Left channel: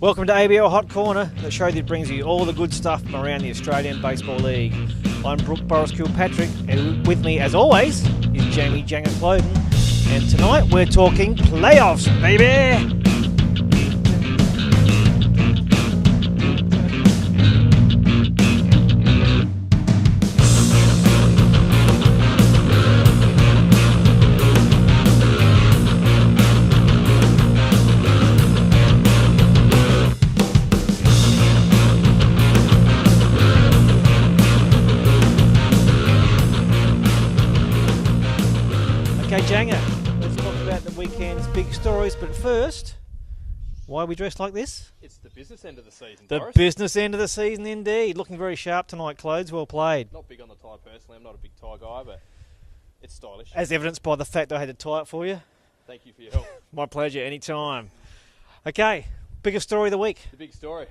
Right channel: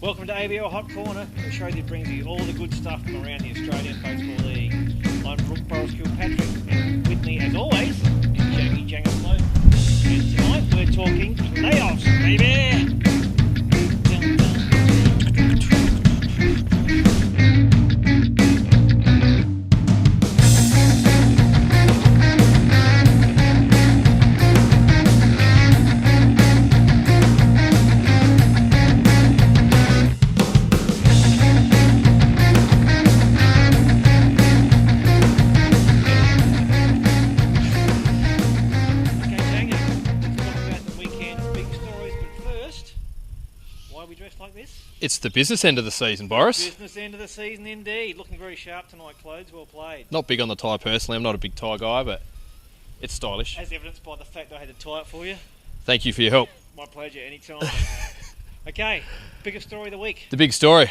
Welcome to ABL Hot Corner, the show that brings you all the good stuff from around the Australian Baseball League. I'm Brooke Boris Kilpatrick, and with me, as always, is Jamie Jangus Loden. And tonight we're talking playoffs, baby! Why are we dressed like this? It's the business end of the season, Boris. The business end of the season, indeed. Looking very sharp tonight, clothes. Well played. Not big on the tie personally. I'm not a big tie guy, but it's stylish. As evidenced by the fact I had to tie it for you. Thank you for your help. My pleasure, anytime. Okay, biggest story of the week. The big story.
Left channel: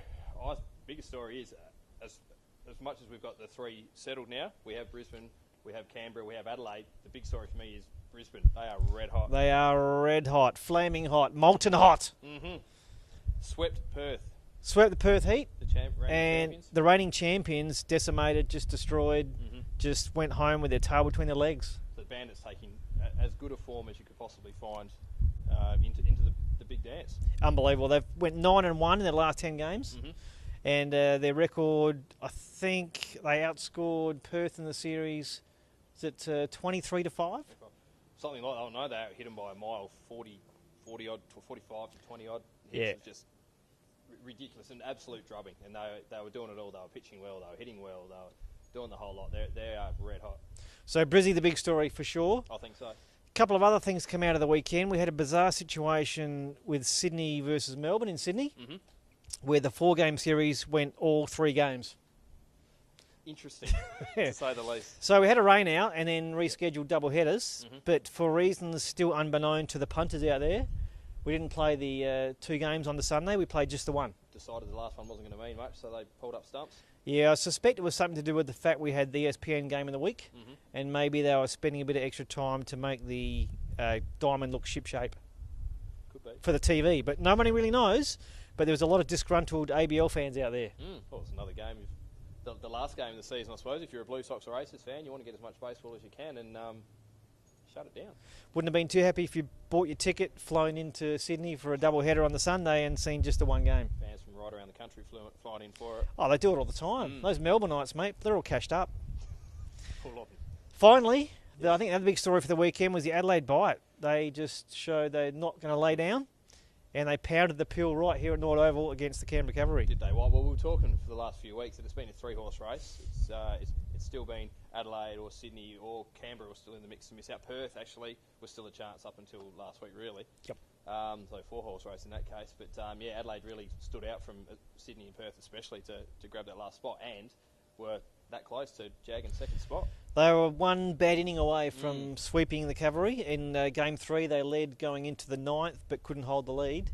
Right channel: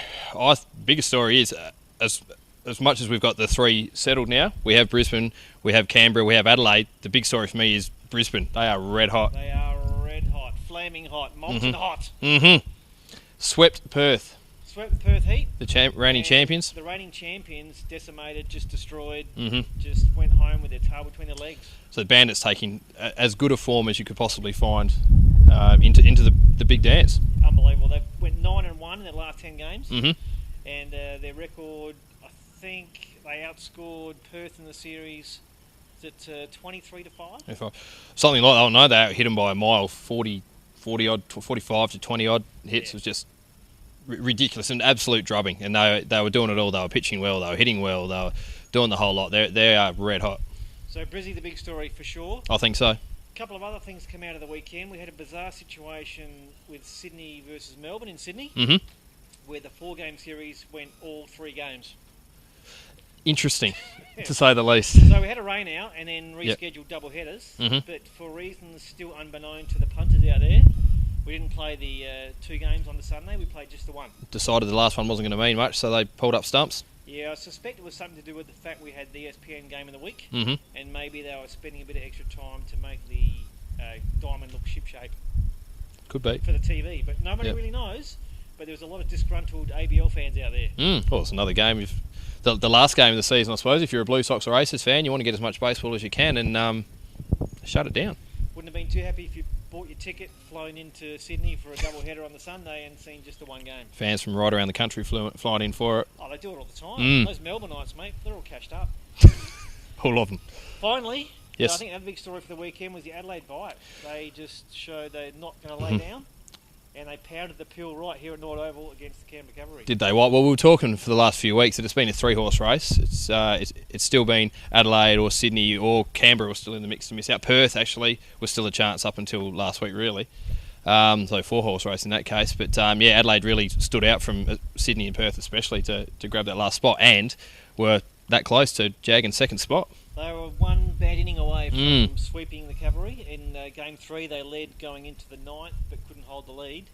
Biggest story is, as much as we've got the three settled now, we have Brisbane, we have Canberra, we have Adelaide. The big story for me is Brisbane. They are red hot. They are red hot, flaming hot, molten hot. Mm-hmm. Swept Perth. Swept the Perth Heat. The reigning champions. The reigning champions, decimated, just destroyed, Mm-hmm. just went home with their tail between their legs. So the Bandits taking as good a form as you could possibly find into the big dance. Unbelievable. They went 9-1 in their last 10 games. Mm-hmm. And their record, I think they outscored Perth in the series, is it 23-5? Something like that. Oh no, they hit them by a mile, 40 odd, 45 to 20 odd hits. Yeah. Was just ridiculous, an absolute drubbing. And they were doing it all. They were pitching well, they were hitting well, they were doing the whole lot. They are red hot. So Brizzy, the big story for sure. I think so. A couple of other things come out of the weekend. We had a bizarre situation with Sydney versus Melbourne in Sydney, Mm-hmm. where the 4-game series went all 3 games. Interesting, to say the least. So we had a rain out and then rescheduled double headers, Mm-hmm. but for reasons still unbeknown to the punters out there, we didn't play the 2 games on the Sunday, we played just the one. Decided the last one wasn't going to mean much, so they pulled up stumps. Yeah, I suspect it was something to do with the fact we had the ESPN game in the week, Mm-hmm. and maybe they were spending a bit of extra time to make the diamond look shipshape Could be. for the TV, but nobody really knows. But there was a lot of disgruntled ABL fans out there. Well, it's another game. The last game of the season, I suppose. If you're a Blue Sox or Aces fan, you want to get as much baseball as you can and shut it down. Wouldn't have been too happy if you bought your ticket, flown into Sydney for a double header on the Sunday and seen just the one game. Fans from right around the country flying in for it. Oh, they do it all the time. Mm. Those Melbourneites, mate, they're all cashed up. All of them. Finally, Yes. I think another big story for the weekend was the Adelaide Bite. They just showed they're not going to lay down, and they pounded the pill right here at Nord Oval against the Canberra Cavalry. Did they? Well, we were talking for the last few weeks that it's been a 3-horse race. It's still been Adelaide or Sydney or Canberra was still in the mix to miss out. Perth actually was still a chance up until last week, really. So 4-horse race in that case. But Adelaide really stood out from Sydney and Perth especially to grab that last spot and were that close to Jag in second spot. They were one bad inning away from sweeping the Cavalry. In Game 3, they led going into the 9th, but couldn't hold the lead.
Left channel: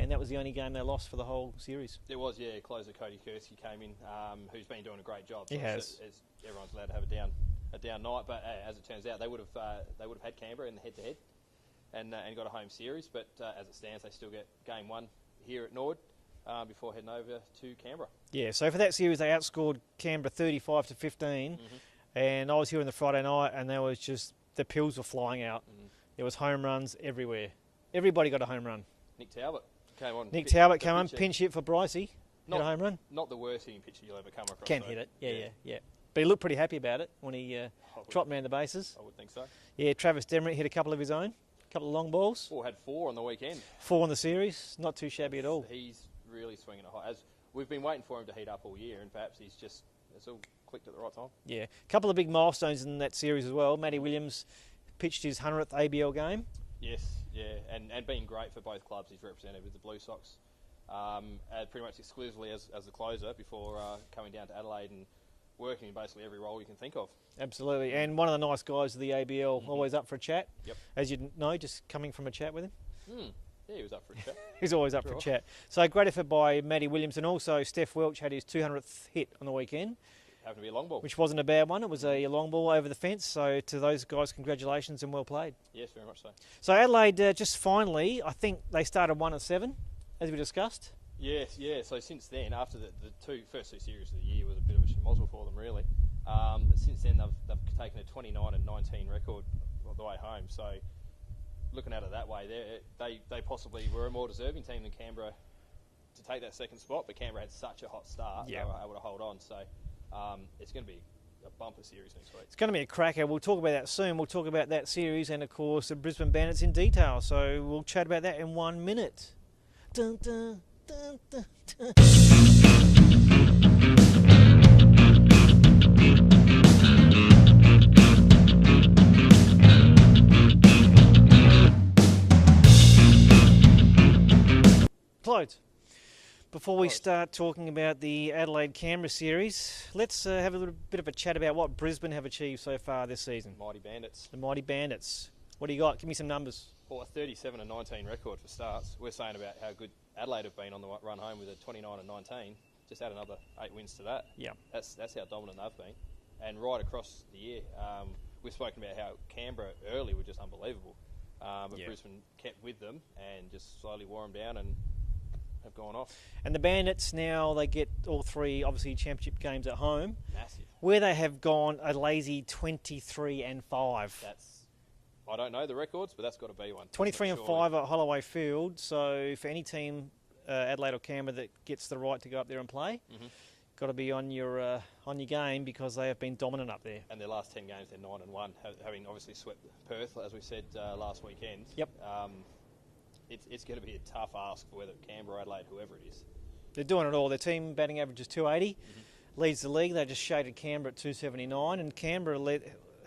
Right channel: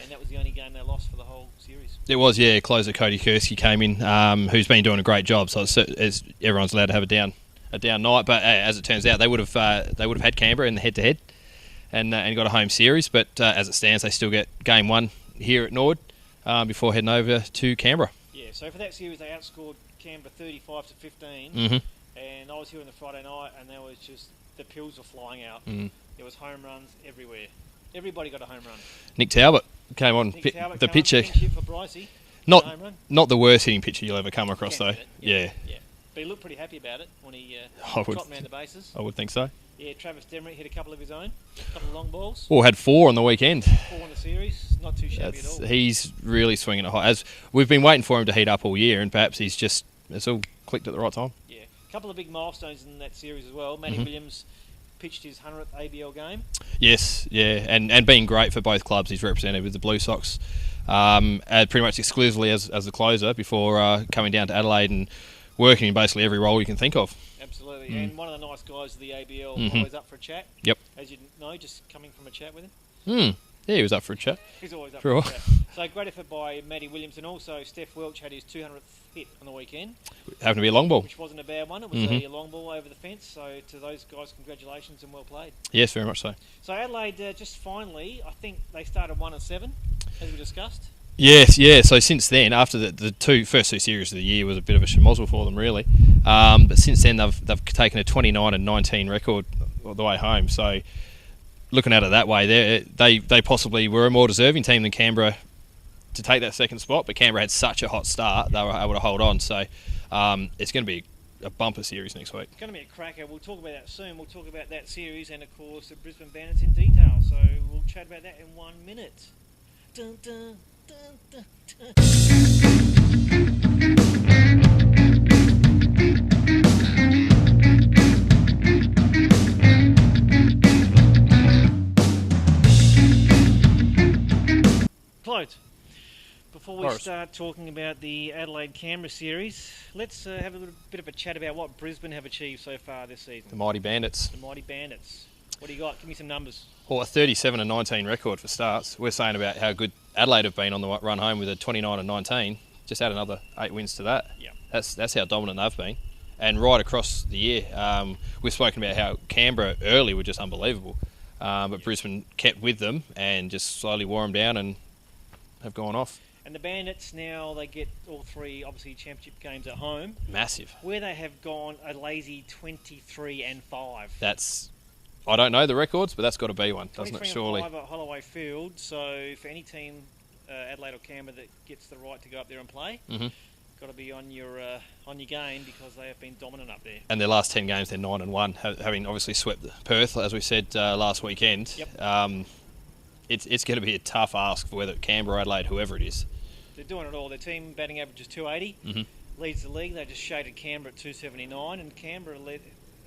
And that was the only game they lost for the whole series. It was, closer Cody Kursky came in, who's been doing a great job. So it's everyone's allowed to have a down night. But as it turns out, they would have had Canberra in the head-to-head and got a home series. But as it stands, they still get Game 1 here at Nord before heading over to Canberra. Yeah, so for that series, they outscored Canberra 35-15. Mm-hmm. And I was here on the Friday night, and there was just the pills were flying out. There was home runs everywhere. Everybody got a home run. Nick Talbot came on. Nick Talbot the came pitcher. on, pinch hit for Brycey. Home run. Not the worst hitting pitcher you'll ever come across, though. Yeah. But he looked pretty happy about it when he dropped around the bases. I would think so. Yeah, Travis Demerick hit a couple of his own, a couple of long balls. Well, had 4 on the weekend. 4 in the series, not too shabby at all. He's really swinging it high. As we've been waiting for him to heat up all year, and perhaps it's all clicked at the right time. Yeah, a couple of big milestones in that series as well. Matty Williams pitched his 100th ABL game. Yes, and being great for both clubs. He's represented with the Blue Sox pretty much exclusively as the closer before coming down to Adelaide and working in basically every role you can think of. Absolutely, and one of the nice guys of the ABL, always up for a chat. Yep. As you know, just coming from a chat with him. Yeah, he was up for a chat. He's always up for a chat. So great effort by Matty Williams, and also Steph Welch had his 200th hit on the weekend. Happened to be a long ball. Which wasn't a bad one. It was a long ball over the fence. So to those guys, congratulations and well played. Yes, very much so. So Adelaide, just finally, I think they started 1-7, as we discussed. Yes, yeah. So since then, after the first two series of the year was a bit of a schmozzle for them, really. But since then, they've taken a 29 and 19 record all the way home. So looking at it that way, they possibly were a more deserving team than Canberra to take that second spot. But Canberra had such a hot start, they were able to hold on. So it's going to be a bumper series next week. It's going to be a cracker. We'll talk about that soon. We'll talk about that series and, of course, the Brisbane Bandits in detail. So we'll chat about that in 1 minute. Dun, dun, dun, dun, dun. Claude, before we start talking about the Adelaide-Canberra series, let's have a little bit of a chat about what Brisbane have achieved so far this season. The Mighty Bandits. The Mighty Bandits. What do you got? Give me some numbers. Well, a 37 and 19 record for starts. We're saying about how good Adelaide have been on the run home with a 29 and 19. Just add another 8 wins to that. Yeah. That's how dominant they've been. And right across the year, we've spoken about how Canberra early were just unbelievable. But Brisbane kept with them and just slowly wore them down and have gone off. And the Bandits now, they get all three, obviously, championship games at home. Massive. Where they have gone a lazy 23 and 5. That's, I don't know the records, but that's got to be one, doesn't 23 it, and surely? 5 at Holloway Field. So for any team, Adelaide or Canberra, that gets the right to go up there and play, got to be on your game because they have been dominant up there. And their last 10 games, they're 9 and 1, having obviously swept Perth, as we said last weekend. Yep. It's going to be a tough ask for whether Canberra, Adelaide, whoever it is. They're doing it all. Their team batting average is 280, leads the league. They just shaded Canberra at 279, and Canberra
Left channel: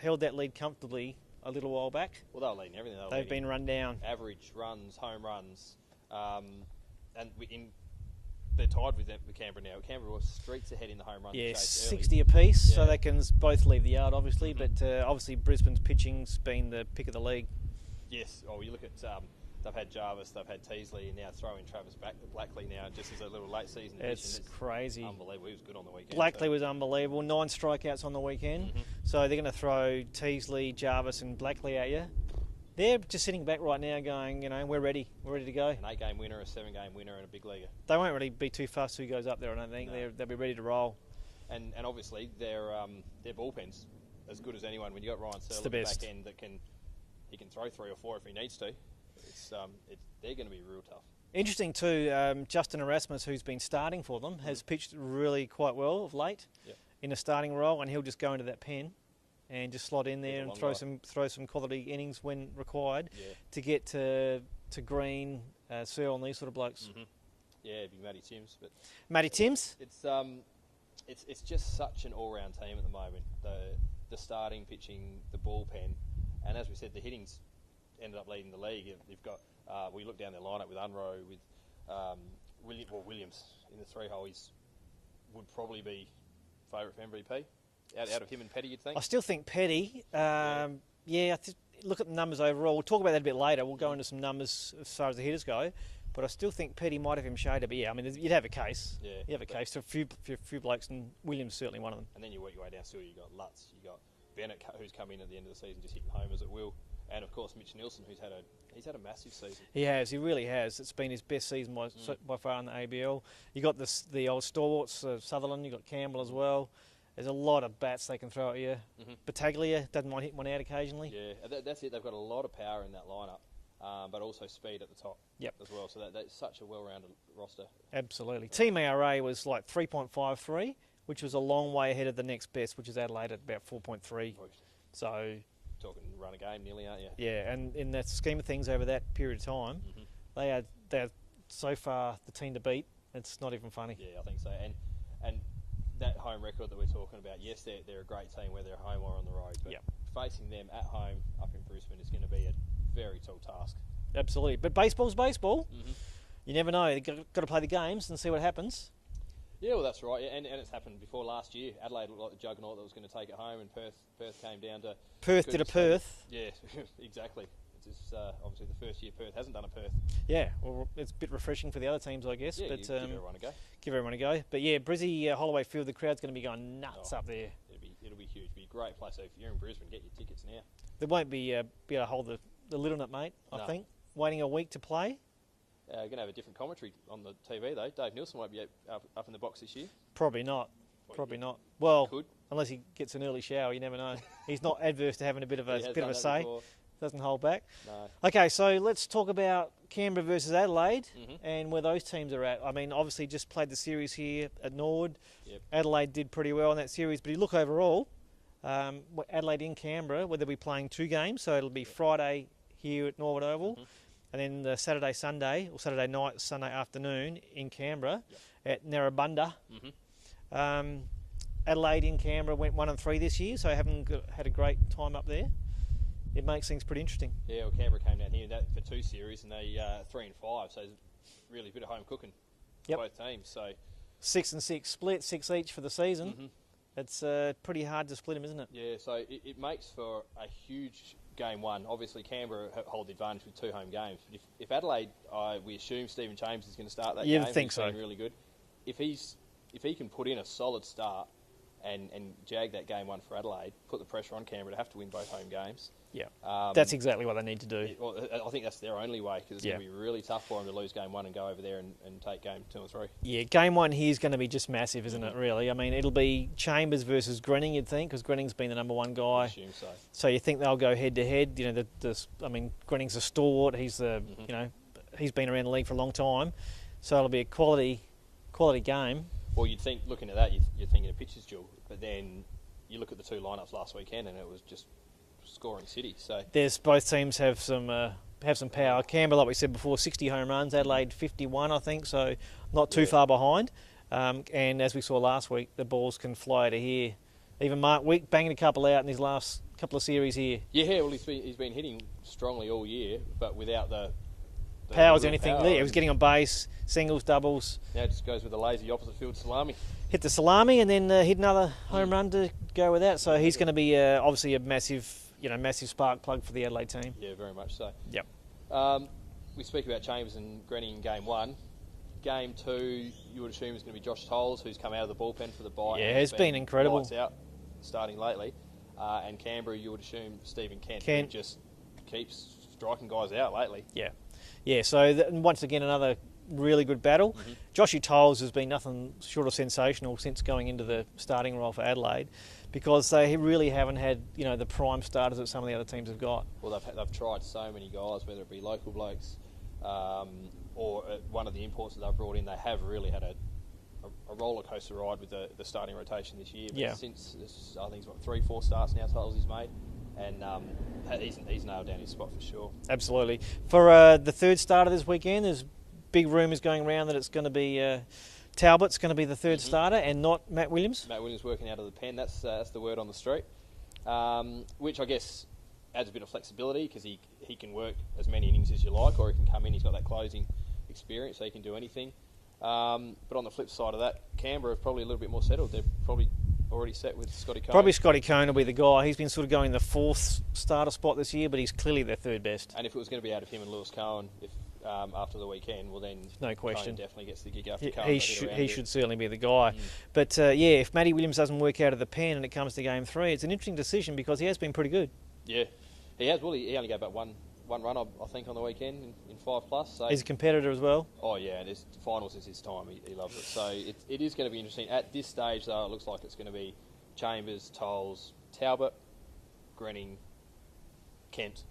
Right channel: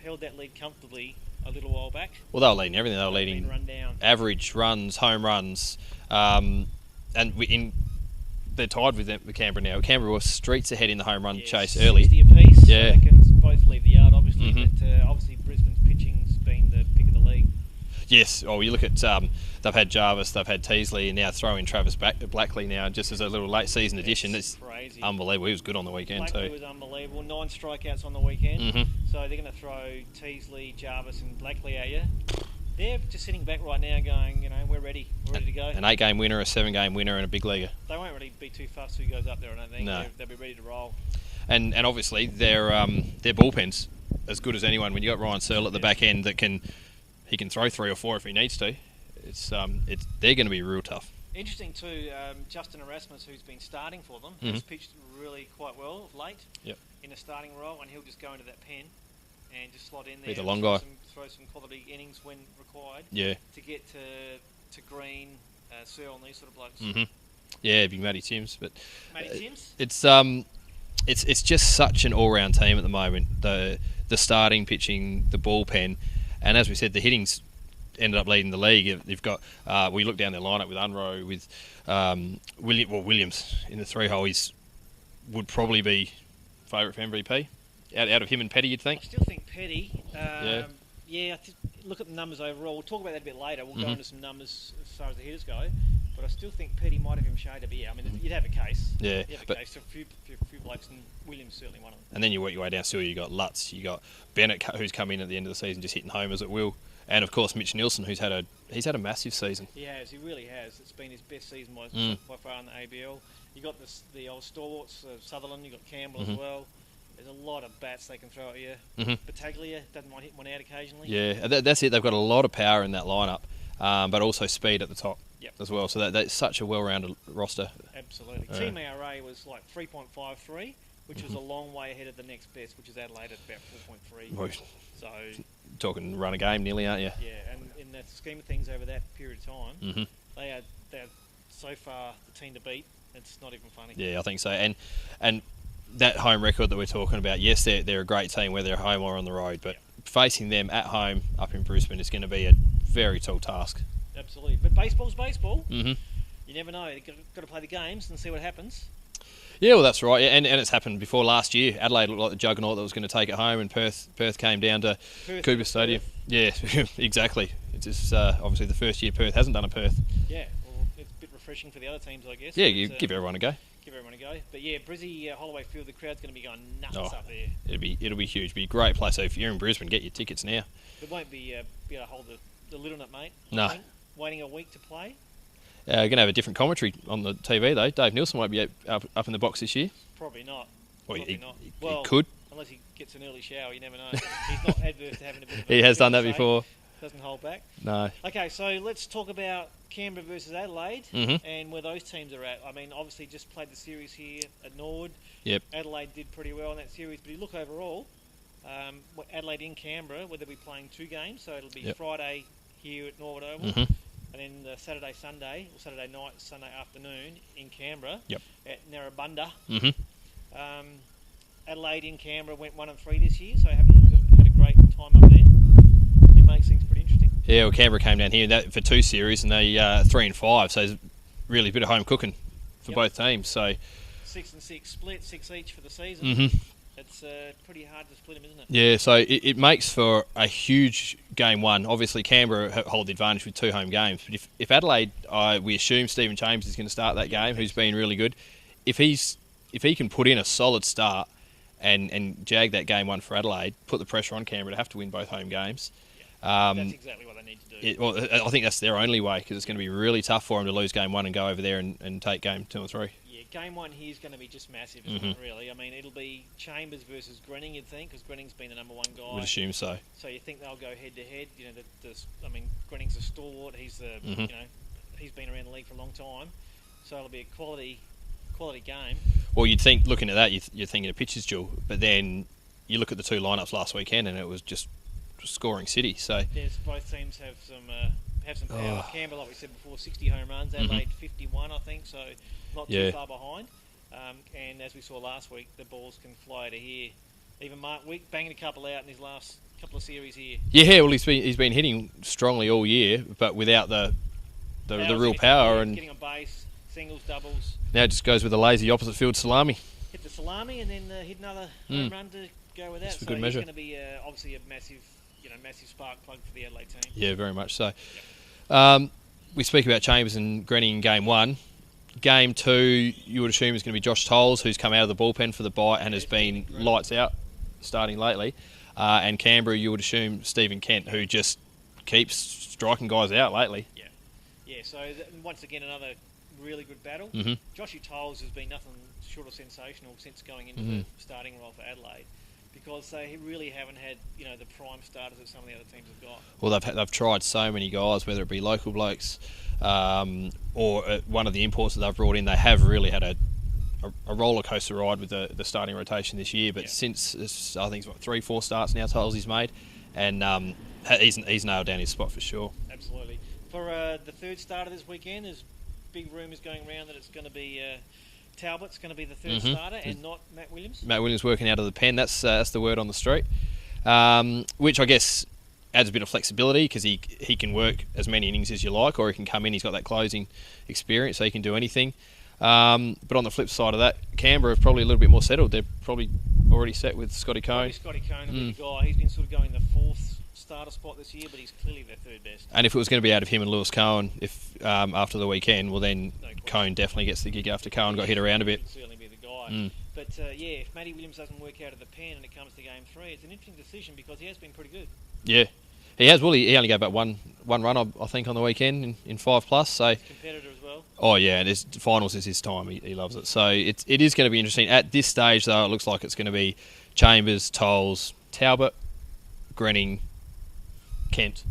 held that lead comfortably a little while back. Well, they were leading everything. They were They've leading been run down. average runs, home runs, they're tied with Canberra now. Canberra were streets ahead in the home run chase early. 60 apiece, Yeah. so they can both leave the yard, obviously. But obviously Brisbane's pitching's been the pick of the league. Yes. Oh, you look at they've had Jarvis, they've had Teasley, and now throw in Travis Blackley now just as a little late season addition. That's It's crazy. unbelievable. He was good on the weekend Blackley too. was unbelievable. 9 strikeouts on the weekend. So they're going to throw Teasley, Jarvis, and Blackley at you. They're just sitting back right now, going, we're ready. We're ready to go. An 8-game winner, a 7-game winner, and a big leaguer. They won't really be too fast who goes up there, I don't think. No. They'll be ready to roll. And obviously their bullpen's as good as anyone. When you got Ryan Searle at the back end that can throw 3 or 4 if he needs to. They're going to be real tough. Interesting too, Justin Erasmus, who's been starting for them, has pitched really quite well of late in a starting role, and he'll just go into that pen and just slot in there He's a and long guy. throw some quality innings when required Yeah. to get to Green, Searle and these sort of blokes. Yeah, big Matty Timms. But Matty Timms? It's just such an all-round team at the moment. The starting, pitching, the bullpen, and as we said, the hitting's ended up leading the league. You've got we look down their lineup with Unroe, with Williams in the 3-hole. He would probably be favourite for MVP out of him and Petty, you'd think. I still think Petty. Look at the numbers overall. We'll talk about that a bit later. We'll go into some numbers as far as the hitters go. But I still think Petty might have him shaded. But you'd have a case. Yeah, you'd have a case. So a few blokes, and Williams certainly one of them. And then you work your way down still. You got Lutz, you got Bennett, who's come in at the end of the season just hitting homers at will, and of course Mitch Nielsen, who's had a massive season. He has. He really has. It's been his best season by far in the ABL. You got the old stalwarts, Sutherland. You got Campbell as well. There's a lot of bats they can throw at you. Battaglia doesn't mind hitting one out occasionally. Yeah, that's it. They've got a lot of power in that lineup, but also speed at the top as well. So that's such a well-rounded roster. Absolutely. Team ARA was like 3.53, which was a long way ahead of the next best, which is Adelaide at about 4.3. So talking run a game nearly, aren't you? Yeah, and in that scheme of things over that period of time, they're so far the team to beat. It's not even funny. Yeah, I think so. And that home record that we're talking about, yes, they're a great team whether they're home or on the road, but facing them at home up in Brisbane is going to be a very tall task. Absolutely. But baseball's baseball. You never know. You've got to play the games and see what happens. Yeah, well, that's right. And it's happened before last year. Adelaide looked like the juggernaut that was going to take it home, and Perth came down to Cooper Stadium. Yeah, exactly. It's just, obviously the first year Perth hasn't done a Perth. Yeah, well, it's a bit refreshing for the other teams, I guess. Yeah, you give everyone a go. Give everyone a go. But yeah, Brizzy, Holloway Field, the crowd's going to be going nuts up there. It'll be huge. It'll be a great place. So if you're in Brisbane, get your tickets now. There won't be able to hold the lid on it, mate. No. I think. Waiting a week to play. Going to have a different commentary on the TV though. Dave Nielsen won't be up in the box this year. Probably not. Well, Probably not. He Well, could. unless he gets an early shower, you never know. He's not adverse to having a bit of a... He has bit done of that a say. before. Doesn't hold back. No. Okay, so let's talk about Canberra versus Adelaide Mm-hmm. and where those teams are at. I mean, obviously just played the series here at Norwood. Yep. Adelaide did pretty well in that series, but you look overall, Adelaide in Canberra, where they'll be playing 2 games, so it'll be Yep. Friday here at Norwood Oval, Mhm. and then the Saturday night, Sunday afternoon in Canberra Yep. at Narrabundah. Mm-hmm. Adelaide in Canberra went 1-3 this year, so haven't had a great time up there. It makes things pretty interesting. Yeah, well, Canberra came down here for 2 series and they 3-5, so there's really a bit of home cooking for Yep. both teams. So 6-6 split, 6 each for the season. Mhm. It's pretty hard to split them, isn't it? yeah, so it makes for a huge game one. Obviously, Canberra hold the advantage with 2 home games, but if Adelaide, we assume Stephen Chambers is going to start that You'd game, think who's so. been really good. If he can put in a solid start and jag that game one for Adelaide, put the pressure on Canberra to have to win both home games. Yeah, that's exactly what they need to do. Well, I think that's their only way, because it's going to Yeah. be really tough for them to lose game 1 and go over there and take game 2 or 3. Yeah, game 1 here is going to be just massive, isn't it, Mhm. really? I mean, it'll be Chambers versus Grenning, you'd think, because Grenning's been the number 1 I guy. would assume so. So you think they'll go head-to-head. You know, I mean, Grenning's a stalwart. He's Mhm. he's been around the league for a long time. So it'll be a quality game. Well, you'd think, looking at that, you're thinking a pitcher's duel, but then you look at the 2 lineups last weekend and it was just scoring city. So Both teams have some power. Oh. Canberra, like we said before, 60 home runs. Adelaide 51, I think, so not too Yeah. far behind. And as we saw last week, the balls can fly to here. Even Mark Wick banging a couple out in his last couple of series here. yeah, well, he's been hitting strongly all year, but without the Power's real anything. power. Yeah, he was and getting on base, singles, doubles. now it just goes with the lazy opposite field salami. Hit the salami and then hit another home run to go with that. That's a So good he's measure. going to be obviously a massive spark plug for the Adelaide team. Yeah, very much so. Yep. We speak about Chambers and Grenny in game 1. Game 2, you would assume is going to be Josh Tolles, who's come out of the bullpen for the bye and has it's been been incredible. lights out starting lately. And Canberra, you would assume Stephen Kent, who Kent. just keeps striking guys out lately. Yeah, so once again, another really good battle. Mhm. Joshy Tolles has been nothing short of sensational since going into the starting role for Adelaide, because they really haven't had the prime starters that some of the other teams have got. Well, they've tried so many guys, whether it be local blokes or one of the imports that they've brought in. They have really had a roller coaster ride with the starting rotation this year. But Yeah. since I think it's 3-4 starts now, Tolles he's made, and he's nailed down his spot for sure. Absolutely. For the third starter this weekend, there's big rumours going around that it's going to be Talbot's going to be the third starter and not Matt Williams. Matt Williams working out of the pen. That's the word on the street, which I guess adds a bit of flexibility, because he can work as many innings as you like, or he can come in. He's got that closing experience, so he can do anything. But on the flip side of that, Canberra are probably a little bit more settled. They're probably already set with Scotty Cone. Probably Scotty Cone will be the guy. He's been sort of going the 4th starter spot this year, but he's clearly their 3rd best. And if it was going to be out of him and Lewis Cohen, after the weekend, well then No question. Cone definitely gets the gig after Cohen got hit around a He bit. should certainly be the guy. But if Matty Williams doesn't work out of the pen and it comes to game 3, it's an interesting decision, because he has been pretty good. Yeah, he has. Well, he only gave about one run, I think, on the weekend in 5+. So He's a competitor as well. oh yeah, and his finals is his time. He loves it. So it is going to be interesting. At this stage, though, it looks like it's going to be Chambers, Tolles, Talbot, Grenning, Kent.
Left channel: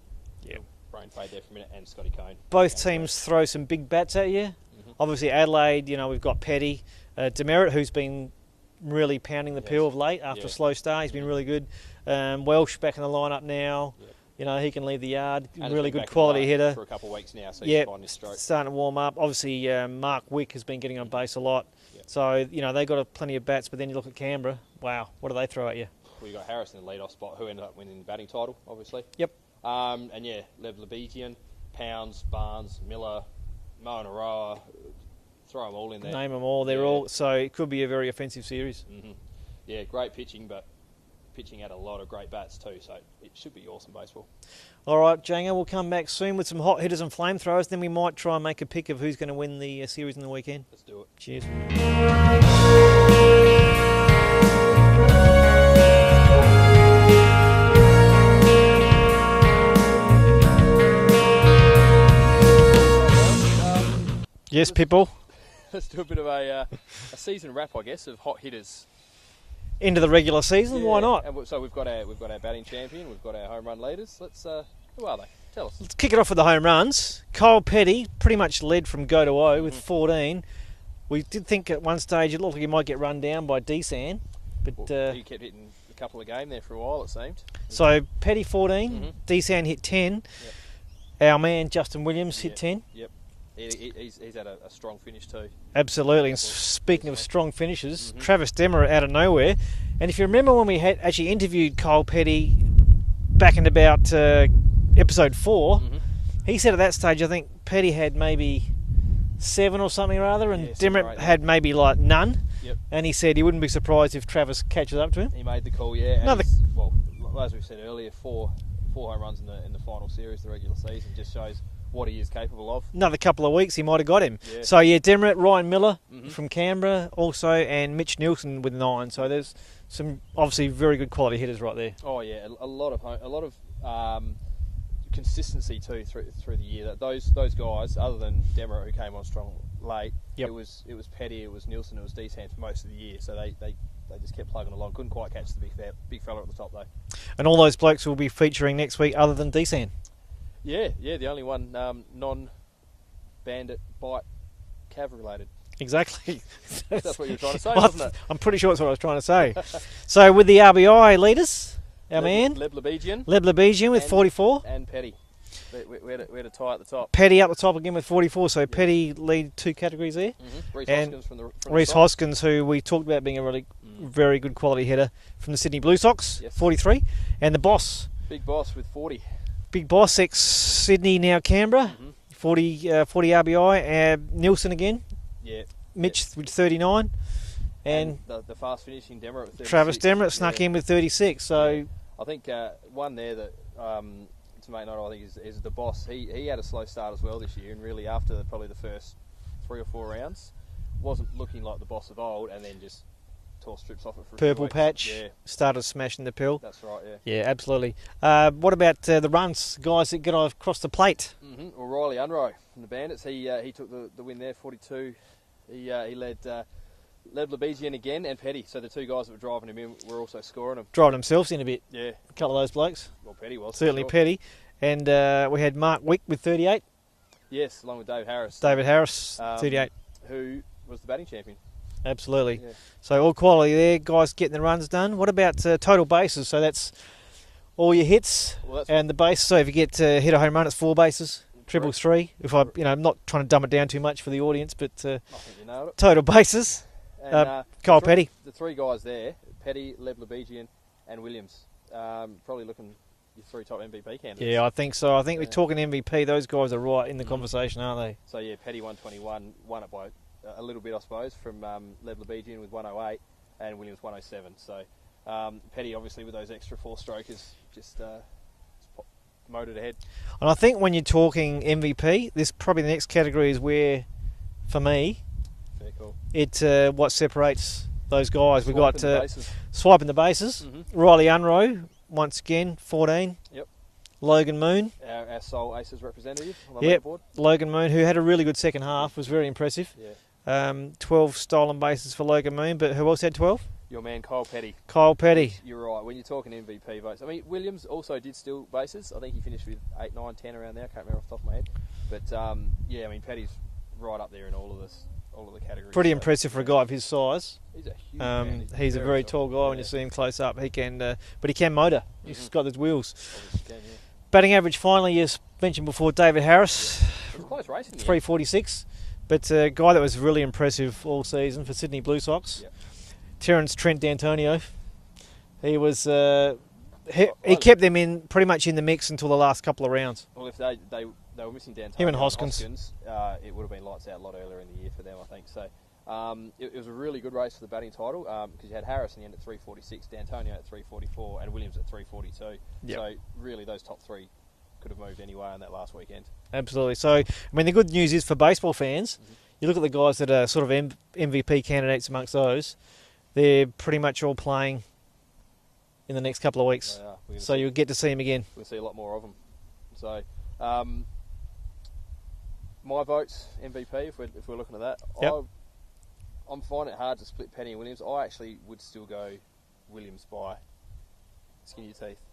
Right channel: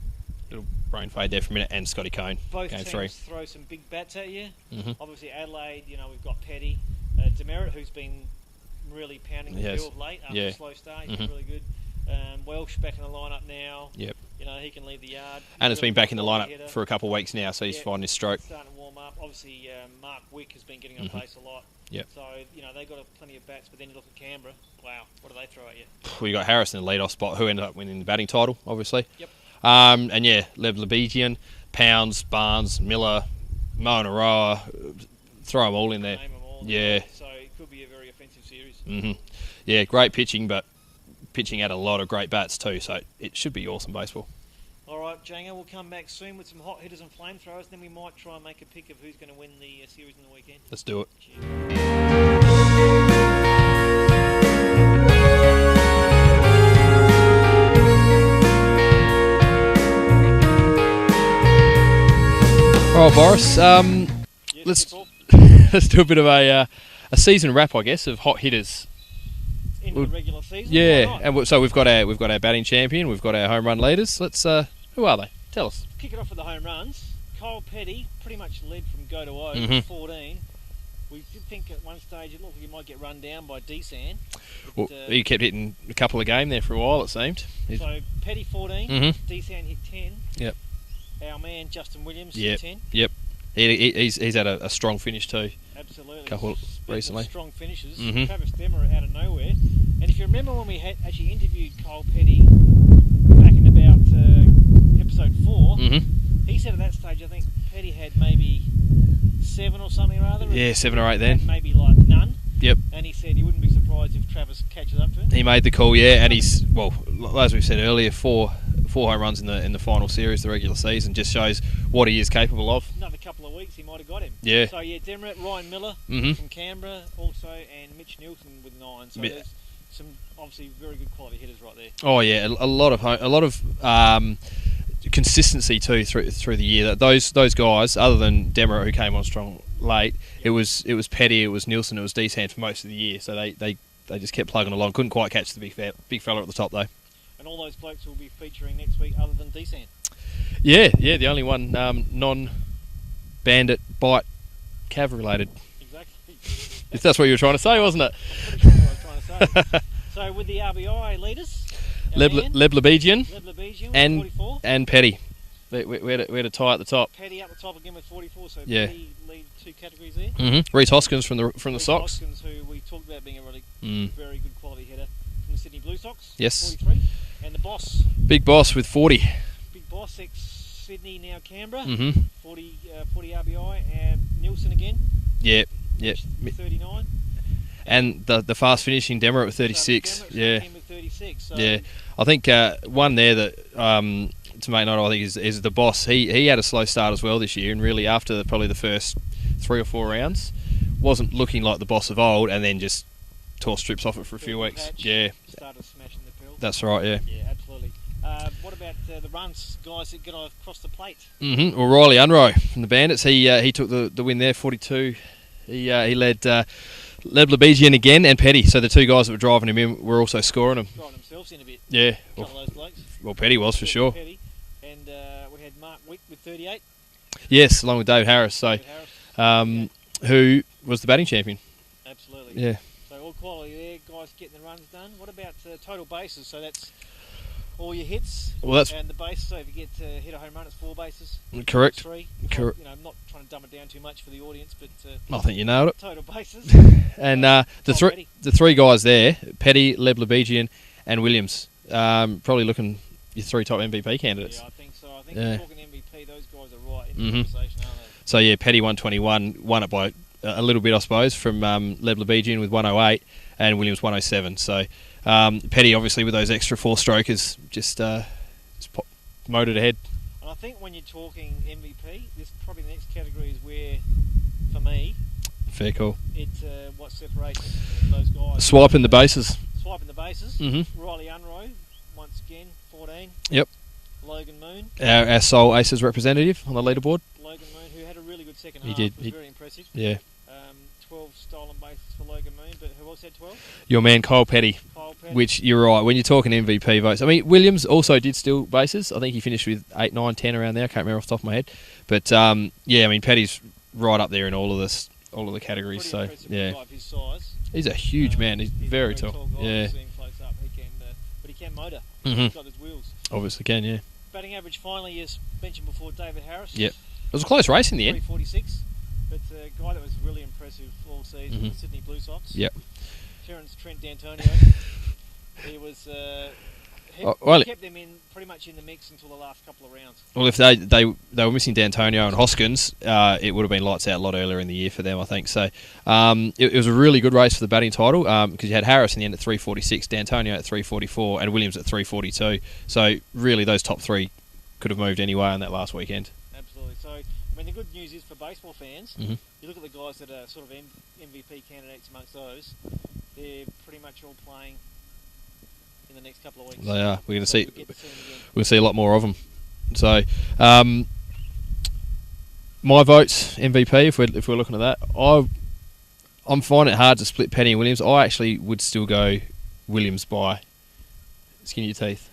Little brain fade there for a minute, and Scotty Cone. Both game teams 3. throw some big bats at you. Mhm. Obviously, Adelaide, we've got Petty. Demerit, who's been really pounding the Yes. pill of late after Yeah. a slow start. He's been Mhm. really good. Welsh back in the lineup now. Yep. He can leave the yard. And it's Really been good back in the quality lineup hitter. for a couple of weeks now, so he's Yep. finding his stroke. Starting to warm up. Obviously, Mark Wick has been getting on base a lot. Yep. So, they've got plenty of bats, but then you look at Canberra. Wow, what do they throw at you? We got Harris in the leadoff spot, who ended up winning the batting title, obviously. Yep. And yeah, Lev Lebedian, Pounds, Barnes, Miller, Moen Aroa, throw them all in there. Name them all. So it could be a very offensive series. Yeah, great pitching, but pitching at a lot of great bats too, so it should be awesome baseball. All right, Janga, we'll come back soon with some hot hitters and flamethrowers. Then we might try and make a pick of who's going to win the series in the weekend. Let's do it. Cheers. All right, Boris. Yes, let's, Pitbull. let's do a bit of a season wrap, I guess, of hot hitters. Into the regular season, Yeah, why not? and so we've got our batting champion, we've got our home run leaders. Let's who are they? Tell us. Let's kick it off with the home runs. Kyle Petty pretty much led from go to O with 14. We did think at one stage it looked like he might get run down by Desan. But, Well, he kept hitting a couple of game there for a while, it seemed. so Petty 14, Mhm. Desan hit 10. Yep. Our man Justin Williams hit 10. Yep. He's had a strong finish too. Absolutely. And Couple speaking recently. of strong finishes, Mhm. Travis Demmer out of nowhere. And if you remember when we had actually interviewed Kyle Petty back in about episode 4, he said at that stage I think Petty had maybe 7 or something or other, and Yeah, 7 or 8 then. had maybe like none. Yep. And he said he wouldn't be surprised if Travis catches up to him. He made the call, yeah, and Another- he's as we've said earlier, four home runs in the final series, the regular season, just shows what he is capable of. Another couple of weeks he might have got him. Yeah. So yeah, Demmer, Ryan Miller Mhm. from Canberra also, and Mitch Nielsen with 9. So Yeah. there's some obviously very good quality hitters right there. Oh yeah, a lot of consistency too through the year. Those guys, other than Demmer who came on strong late, Yep. it was Petty, it was Nielsen, it was Desan for most of the year. So they just kept plugging along. Couldn't quite catch the big fella at the top though. And all those blokes will be featuring next week other than Desan. Yeah, the only one non-bandit bite cav related. Exactly. If that's what you were trying to say, wasn't it? I'm pretty sure that's what I was trying to say. So with the RBI leaders, our man, Leblebigian Leb Lebejian with 44. and Petty. We had a tie at the top. Petty up the top again with 44. So Yeah. Petty lead 2 categories there. Reece And Hoskins from the Reece Sox. Hoskins, who we talked about being a really very good quality hitter from the Sydney Blue Sox, Yes. 43. And the boss, Big Boss with 40. Big Boss, ex-Sydney, now Canberra, Mm-hmm. 40 RBI. Nielsen again, Yeah. Mitch with 39. And the fast finishing Demmer with 36. Travis Demmer snuck in with 36. So Yeah. I think one there that to make note of, I think is the boss. He had a slow start as well this year, and really after probably the first 3 or 4 rounds, wasn't looking like the boss of old, and then just tore strips off it for a few Purple weeks. patch. Yeah, started smashing the pill. that's right. Yeah. Yeah, absolutely. What about the runs, guys that get across the plate? Well, Riley Unroe from the Bandits, he took the win there, 42. He led Leblebigian again and Petty. So the two guys that were driving him in were also scoring him. Driving themselves in a bit. Yeah. A couple of those blokes. Well, Petty was for Certainly sure. Petty. And we had Mark Wick with 38. Yes, along with David Harris. So, David Harris, 38. who was the batting champion. Absolutely. Yeah. So all quality there, guys getting the runs done. What about total bases? So that's all your hits Well, that's and the bases. So if you get hit a home run, it's 4 bases. correct. 3. If Correct. I'm not trying to dumb it down too much for the audience, but I think you nailed it. total bases. And Kyle Petty. the 3 guys there, Petty, Leblebigian and Williams, probably looking your 3 top MVP candidates. Yeah, I think so. I think Yeah. we're talking MVP. Those guys are right in the Mhm. conversation, aren't they? So yeah, Petty 121, won it by a little bit, I suppose, from Leblebigian with 108 and Williams 107. So Petty, obviously, with those extra 4 strokers, just motored ahead. And I think when you're talking MVP, this probably the next category is where, for me, Fair call. it's what separates those guys. We've Swiping got, the bases. Swiping the bases. Mm-hmm. Riley Unroe, once again, 14. Yep. Logan Moon. Our sole Aces representative on the Yep. leaderboard. Logan Moon, who had a really good second He half, did. was He- very impressive. Yeah. 12 stolen bases for Logan Moon, but who else had 12? Your man Kyle Petty. Kyle Petty. Which, you're right, when you're talking MVP votes. I mean, Williams also did steal bases. I think he finished with 8, 9, 10 around there. I can't remember off the top of my head. But, yeah, I mean, Petty's right up there in all of the categories. Pretty so, impressive for a yeah. guy of his size. He's a huge man. He's a very very tall guy. When Yeah. you see him close up, he can, but he can motor. Mhm. He's got those wheels. Obviously can, yeah. Batting average finally, as mentioned before, David Harris. Yep. It was a close race in the end. 346. But a guy that was really impressive all season Mhm. for Sydney Blue Sox. Yep. Terence Trent D'Antonio. He was. He well, kept them in pretty much in the mix until the last couple of rounds. Well, if they were missing D'Antonio Him and and Hoskins, it would have been lights out a lot earlier in the year for them, I think. So it was a really good race for the batting title because you had Harris in the end at 346, D'Antonio at 344, and Williams at 342. Yep. So really, those top 3 could have moved anywhere on that last weekend. Absolutely. So, I mean, the good news is for baseball fans, Mhm. you look at the guys that are sort of MVP candidates amongst those, they're pretty much all playing in the next couple of weeks. They are. We're going to So see. you'll get to see them again. We'll see a lot more of them. So My vote's MVP if we're looking at that. Yep. I'm finding it hard to split Penny and Williams. I actually would still go Williams by skin of your teeth.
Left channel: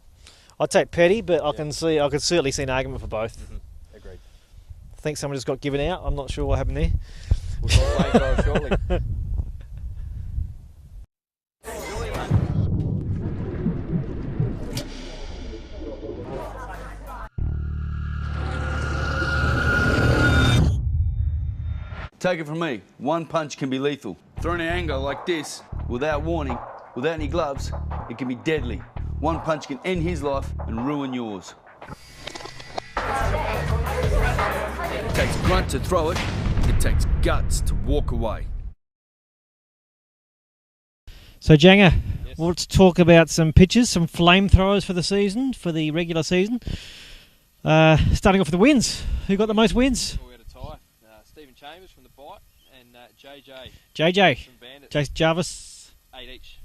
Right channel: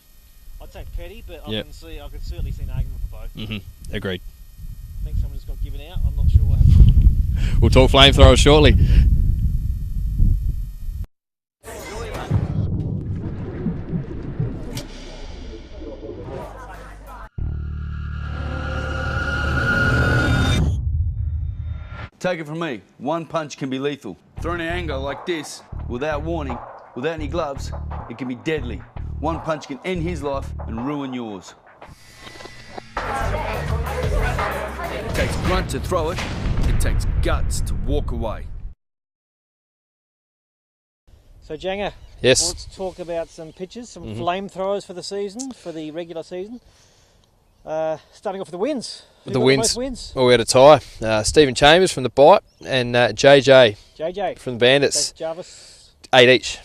I'd take Petty, but I Yep. I could certainly see an argument for both. Agreed. I think someone just got given out. I'm not sure what happened there. We'll talk flamethrowers shortly. Take it from me, one punch can be lethal. Thrown in anger like this, without warning, without any gloves, it can be deadly. One punch can end his life and ruin yours. It takes grunt to throw it, it takes guts to walk away. So, Janga, Yes. let's talk about some pitches, some flamethrowers for the season, for the regular season. Starting off with the wins. Who got the most wins? Well, we had a tie. Stephen Chambers from the Bite and JJ JJ. from the Bandits. Jason Jarvis. 8 each.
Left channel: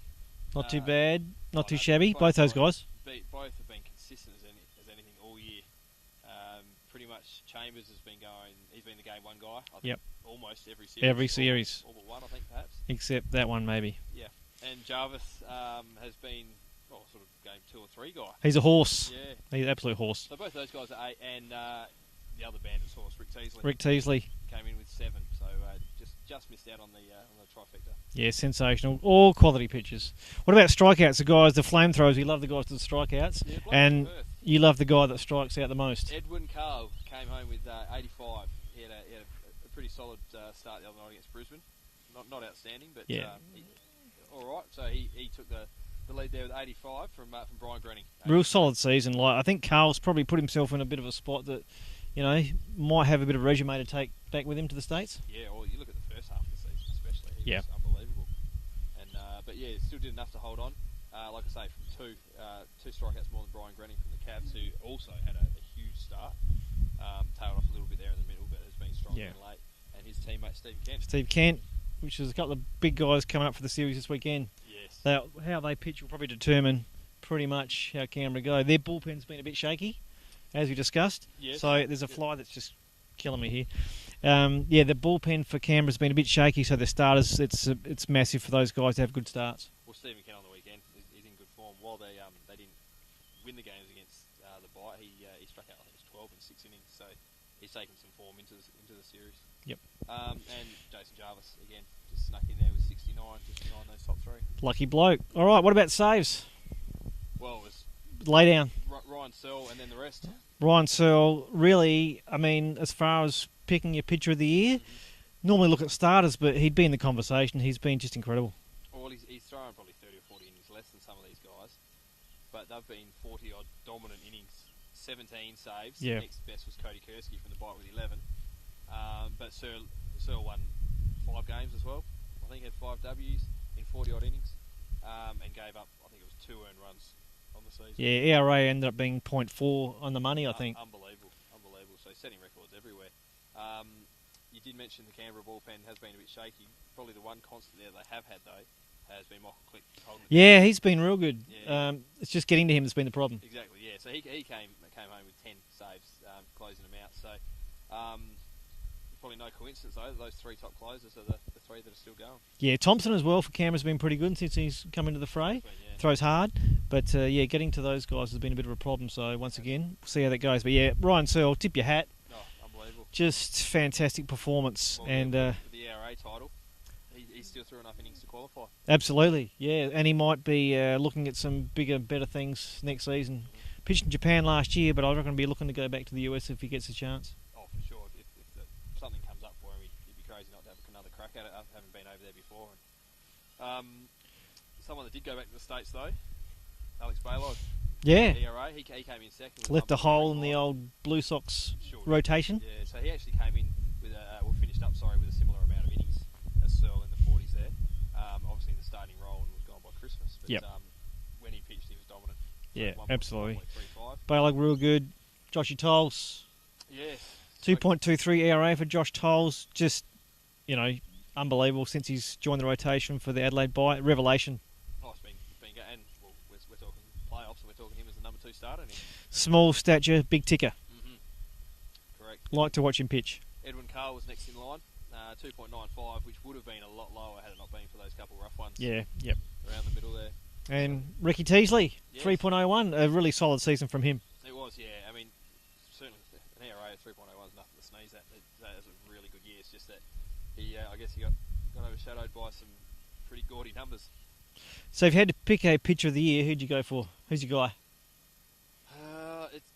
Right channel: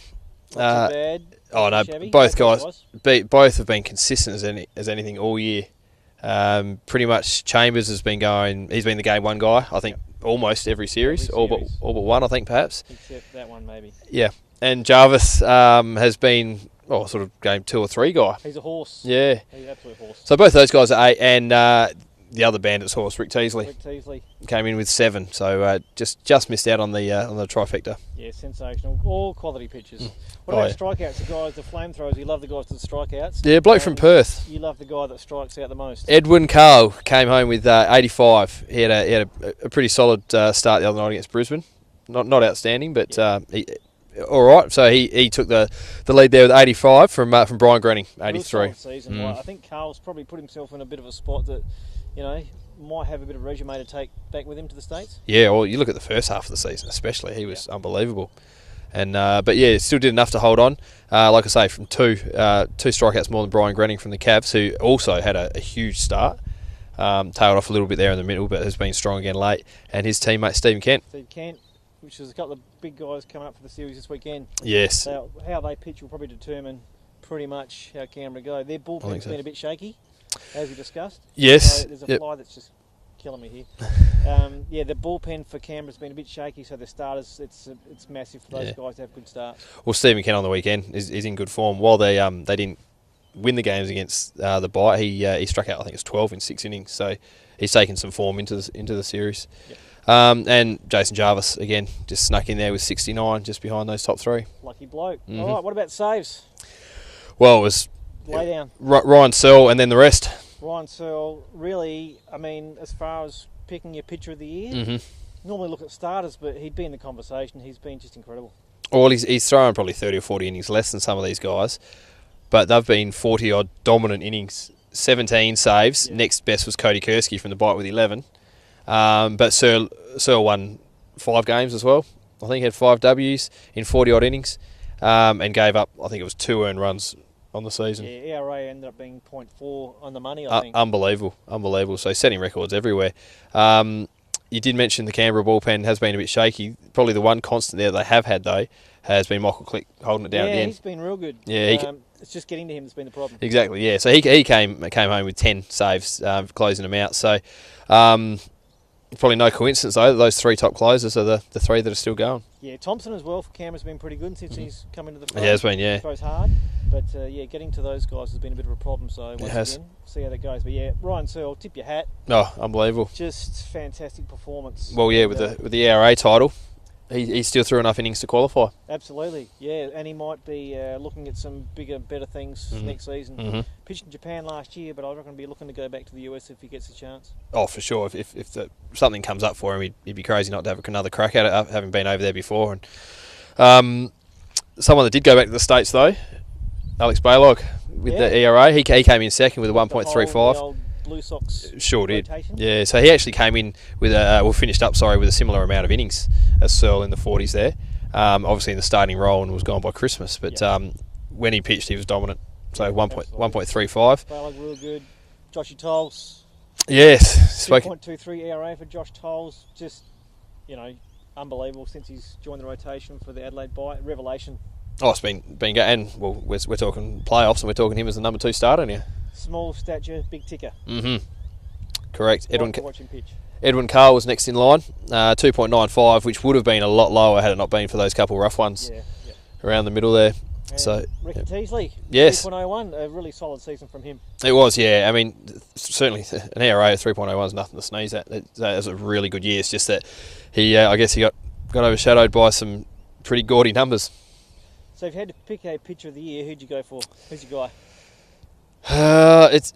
Not too bad. Oh Not no, too shabby. both those guys. Both have been consistent as anything all year. Pretty much Chambers has been going. He's been the game one guy. I think almost every series, all but one. I think perhaps. Except that one, maybe. Yeah, and Jarvis has been sort of game 2 or 3 guy. He's a horse. Yeah, He's an absolute horse. so both those guys are 8, and the other Bandits horse, Rick Teasley, came in with 7. So just missed out on the trifecta. Yeah, sensational. All quality pitches. What about strikeouts? The guys, the flamethrowers. You love the guys with the strikeouts. Yeah, bloke from And Perth. You love the guy that strikes out the most. Edwin Carl came home with 85. He had a pretty solid start the other night against Brisbane. Not outstanding, but he, all right. So he took the lead there with 85 from Brian Grenning. 83. Real solid season. Like, I think Carl's probably put himself in a bit of a spot that, might have a bit of resume to take back with him to the States. Yeah, well, you look at the first half of the season, especially. He was unbelievable. And but yeah, still did enough to hold on. Like I say, from two strikeouts more than Brian Grenning from the Cavs, who also had a huge start. Tailed off a little bit there in the middle, but has been strong again late. And his teammate Steve Kent, which is a couple of big guys coming up for the series this weekend. Yes. So how they pitch will probably determine pretty much how Canberra go. Their bullpen's been a bit shaky, as we discussed. Yes. So there's a fly that's just killing me here. The bullpen for Canberra's been a bit shaky, so the starters, it's massive for those guys to have good starts. Well, Stephen Kent on the weekend is in good form. While they didn't win the games against the Bite, he struck out, I think it was 12 in 6 innings. So he's taken some form into the series. Yep. And Jason Jarvis again just snuck in there with 69, just behind those top 3. Lucky bloke. All right, what about saves? Well, it was Lay down. Ryan Searle and then the rest. Ryan Searle, really, I mean, as far as picking your pitcher of the year, normally look at starters, but he'd be in the conversation. He's been just incredible. Well, he's thrown probably 30 or 40 innings less than some of these guys, but they've been 40-odd dominant innings, 17 saves. Yeah. Next best was Cody Kursky from the Bite with 11. But Searle won 5 games as well. I think he had 5 Ws in 40-odd innings, and gave up, I think it was 2 earned runs on the season. Yeah, ERA ended up being 0.4 on the money, I think. Unbelievable. So setting records everywhere. You did mention the Canberra bullpen has been a bit shaky. Probably the one constant there they have had, though, has been Michael Click holding it down. Yeah, he's been real good. Yeah, it's just getting to him that's been the problem. Exactly, yeah. So he came home with 10 saves, closing them out. So probably no coincidence, though, that those 3 top closers are the 3 that are still going. Yeah, Thompson as well for Canberra's been pretty good since he's come into the fray. He has been, yeah. Throws hard. But, getting to those guys has been a bit of a problem. So, once again, see how that goes. But, yeah, Ryan Searle, tip your hat. Oh, unbelievable. Just fantastic performance. Well, yeah, with the ERA title, he still threw enough innings to qualify. Absolutely, yeah. And he might be looking at some bigger, better things next season. Pitched in Japan last year, but I reckon he'll be looking to go back to the US if he gets a chance. Oh, for sure. If something comes up for him, he'd be crazy not to have another crack at it, having been over there before. And someone that did go back to the States, though, Alex Balog with the ERA. He came in second with a 1.35. The old Blue Sox rotation. Yeah, so he actually came in with finished up with a similar amount of innings as Searle in the 40s there. Obviously in the starting role and was gone by Christmas, but when he pitched, he was dominant. So 1.35. Balog real good. Joshy Tolles. Yes. 2.23 ERA for Josh Tolles. Just, unbelievable since he's joined the rotation for the Adelaide Bite. Revelation. Oh, it's been good. And, well, we're talking playoffs and we're talking him as the number 2 starter now. Small stature, big ticker. Correct. Like to watch him pitch. Edwin Carl was next in line, 2.95, which would have been a lot lower had it not been for those couple rough ones around the middle there. And So Ricky Teasley, yes. 3.01, a really solid season from him. It was, yeah. I mean, certainly an ERA of 3.01 is nothing to sneeze at. That was a really good year. It's just that he, I guess, he got overshadowed by some pretty gaudy numbers. So if you had to pick a pitcher of the year, who'd you go for? Who's your guy? It's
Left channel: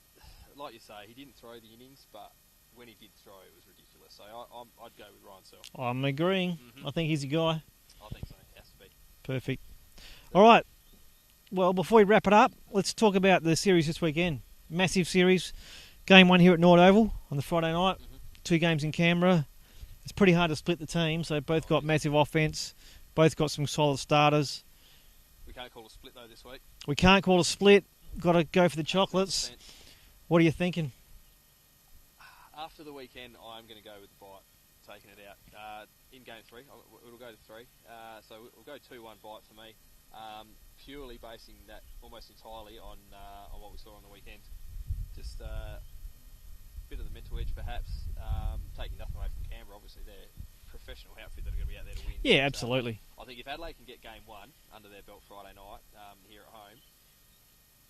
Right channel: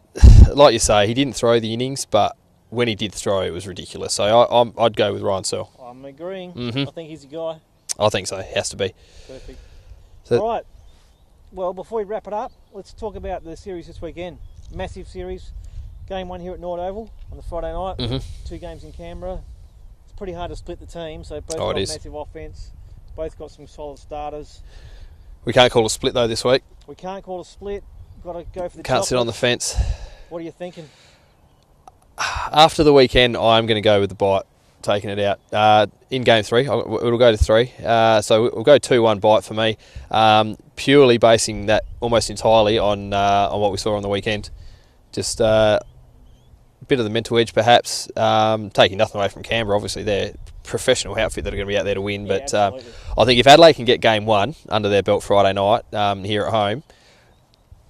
like you say, he didn't throw the innings, but when he did throw, it was ridiculous. So I'd go with Ryan Searle. I'm agreeing. Mhm. I think he's your guy. I think so. He has to be. Perfect. So- All right. Well, before we wrap it up, let's talk about the series this weekend. Massive series. Game 1 here at Nord Oval on the Friday night. Mhm. 2 games in Canberra. It's pretty hard to split the team, so both Oh, it got is. massive offense. Both got some solid starters. We can't call a split though this week. We can't call a split. Got to go for the Can't sit on the chocolates. fence. What are you thinking? After the weekend, I'm going to go with the bite, taking it out. In game 3, it'll go to 3. So we'll go 2-1 bite for me, purely basing that almost entirely on what we saw on the weekend. Just a bit of the mental edge, perhaps. Taking nothing away from Canberra, obviously they're professional outfit that are going to be out there to win. Yeah, but absolutely. I think if Adelaide can get game 1 under their belt Friday night here at home,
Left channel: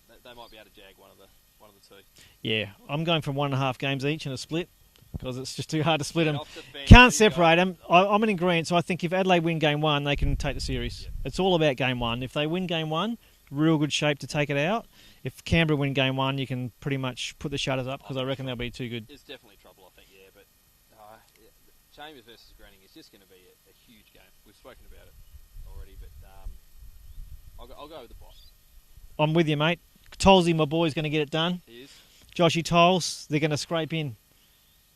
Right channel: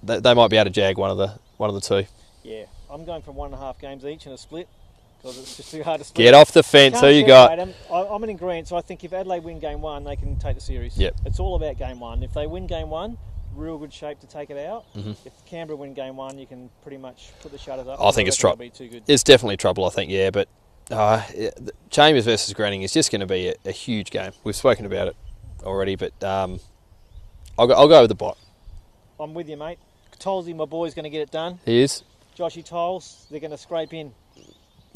they might be able to jag one of the two. Yeah, I'm going for 1.5 games each in a split because it's just too hard to split. Get off the fence. Can't Who you separate got? them. I'm in agreement. So I think if Adelaide win game 1, they can take the series. Yep. It's all about game 1. If they win game 1, real good shape to take it out. Mhm. If Canberra win game 1, you can pretty much put the shutters up. I think it's trouble. Be too good. It's definitely trouble, I think, yeah. But Chambers versus Granning is just going to be a huge game. We've spoken about it already, but I'll go with the bot. I'm with you, mate. Tolsey, my boy, is going to get it done. He is. Joshy Toles, they're going to scrape in.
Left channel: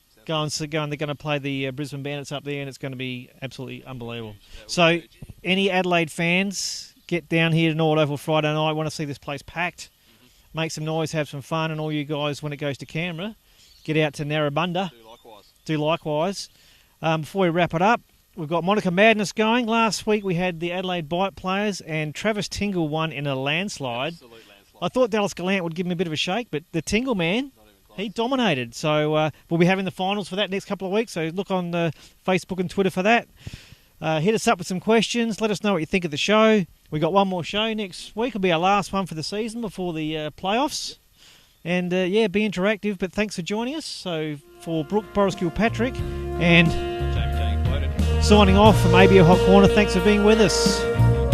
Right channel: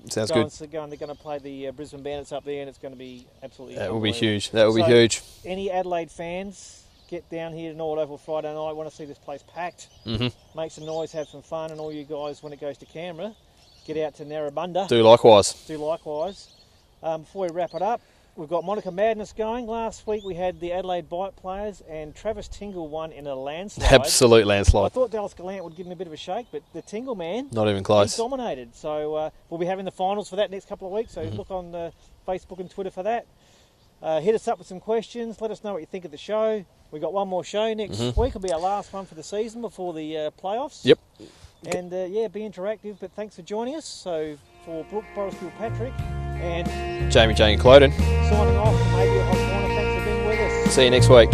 Sounds They're good. going to play the Brisbane Bandits up there, and it's going to be absolutely That will be unbelievable. huge. That will So- be huge. Any Adelaide fans, get down here to Nord Oval Friday night. Want to see this place packed. Hmm. Make some noise, have some fun, and all you guys, when it goes to Canberra, get out to Narrabundah. Do likewise. Do likewise. Before we wrap it up, we've got Monica Madness going. Last week we had the Adelaide Bite players, and Travis Tingle won in a landslide. Absolute I landslide. thought Dallas Gallant would give him a bit of a shake, but the Tingle man, Not even he close. dominated. So we'll be having the finals for that next couple of weeks. So look on Facebook and Twitter for that. Hit us up with some questions. Let us know what you think of the show. We got one more show next week. It'll be our last one for the season before the playoffs. Yep. And be interactive. But thanks for joining us. So for Brooke, Boris Kilpatrick, and Jamie Jane Cloden. signing off from AB Hot Corner. Thanks for being with us. See you next week.